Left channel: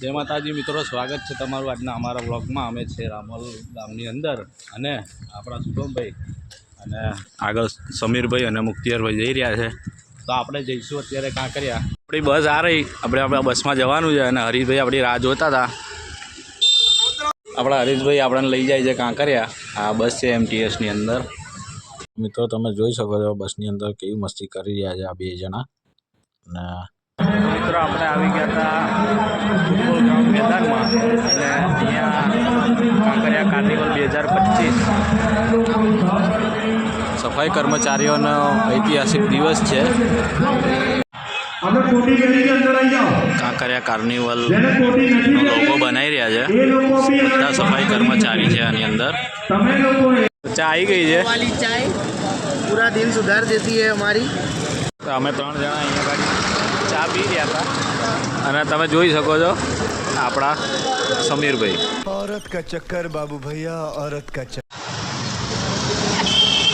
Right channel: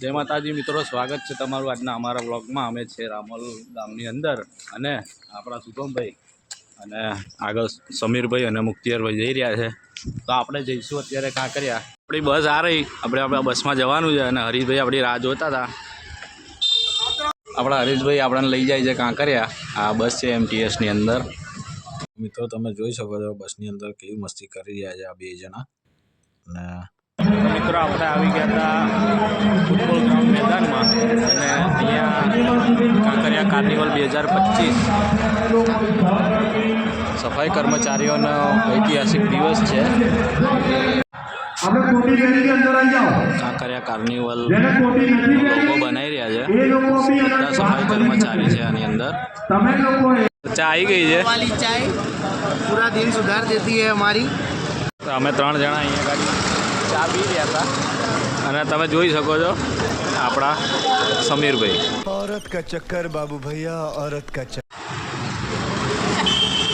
જય માતાજી મિત્રો, સ્વાગત છે તમારું આજના અમારા વ્લોગમાં। અમે છે રામોલ ગામની અંદર અને આપણા શુભમભાઈ અને આગળ સમીરભાઈ અને મુક્તિયારભાઈ જઈ રહ્યા છે। તો આપણે જઈશું અત્યારે કાંકરિયા। આપણી બસ આ રહી, આપણે બસમાં જવાનું છે અને હરીશભાઈ આપણી રાહ જોતા હતા। આપણા હરીશભાઈ આપણને લઈ જાય છે કાંકરિયા। આ બસ છે MTSની અંદર। મિત્રો તમે જોઈ શકો છો બસની અંદર કેવી મસ્તી કરી રહ્યા છે આ બે જણા। અને મિત્રો આપણે આવી ગયા હતા ફૂટબોલ ગ્રાઉન્ડ મેદાનમાં અને અહીંયા કાંકરિયા કાર્નિવલ 2025 સફાઈ કર્મચારીઓનો ઐતિહાસિક દિવસ છે। કાંકરિયા કાર્નિવલ લોગો બનાવી રહ્યા છે, બધા સફાઈ કર્મચારી છે આની અંદર। ચા આવી ગઈ છે, वाली चाय पूरा दिन सुधार देती है हमारी। તો અમે 3 જણા અહીંયા ગાડી ચા પી રહ્યા હતા અને તમે જોઈ શકો છો આપણા સમીરભાઈ। औरत का चक्कर बाबू भैया, औरत का चक्कर।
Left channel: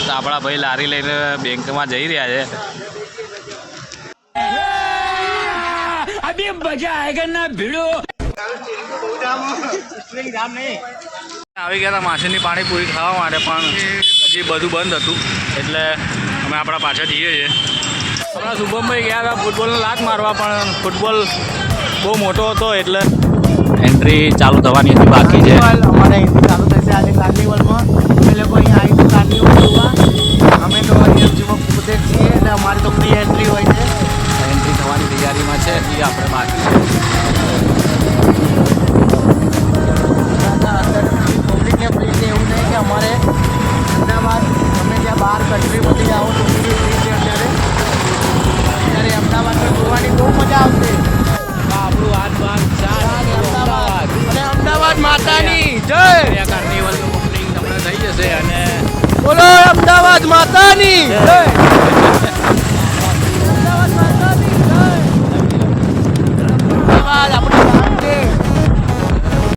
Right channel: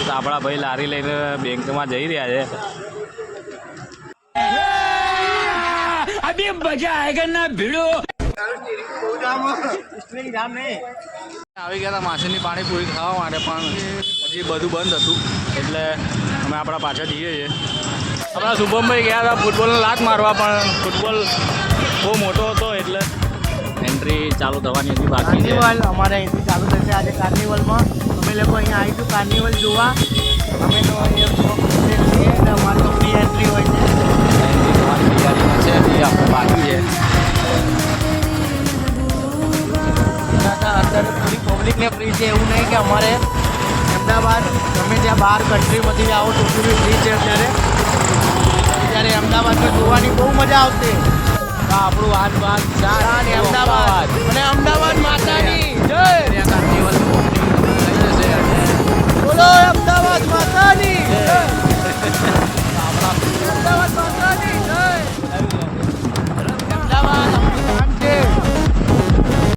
તો આપણા ભાઈ લારી લઈને બેંકમાં જઈ રહ્યા છે। અભી મજા આયેગા ના ભીડો। આવી ગયા હતા માછલીની પાણીપુરી ખાવા માટે, પણ હજી બધું બંધ હતું એટલે અમે આપણા પાછા જઈએ છીએ। આપણા શુભમભાઈ ગયા હતા ફૂટબોલનો લાત મારવા, પણ ફૂટબોલ બહુ મોટો હતો એટલે એન્ટ્રી ચાલુ થવાની હતી બાકી છે। અમારે અહીંથી ચાલુ થશે આજે કાર્નિવલમાં। અમે લોકો અહીંયા આવીશું કાર્નિવલ જોવા। અમે તો અહીંયામાં ક્રિકેટ છીએ અને અમારી તો ફ્રી એન્ટ્રી હોય છે। એન્ટ્રી થવાની તૈયારીમાં છે, એ આપણે બાકી છે। અંદર પબ્લિકને ફ્રી છે, એવું નહીં કે અમારે અમદાવાદ ગમે ત્યાં બહાર કન્ટ્રીમાંથી આવો તો ફ્રી છે। અત્યારે અમદાવાદમાં જોવાની બહુ મજા આવશે। આપણું હાથ બાગ ચા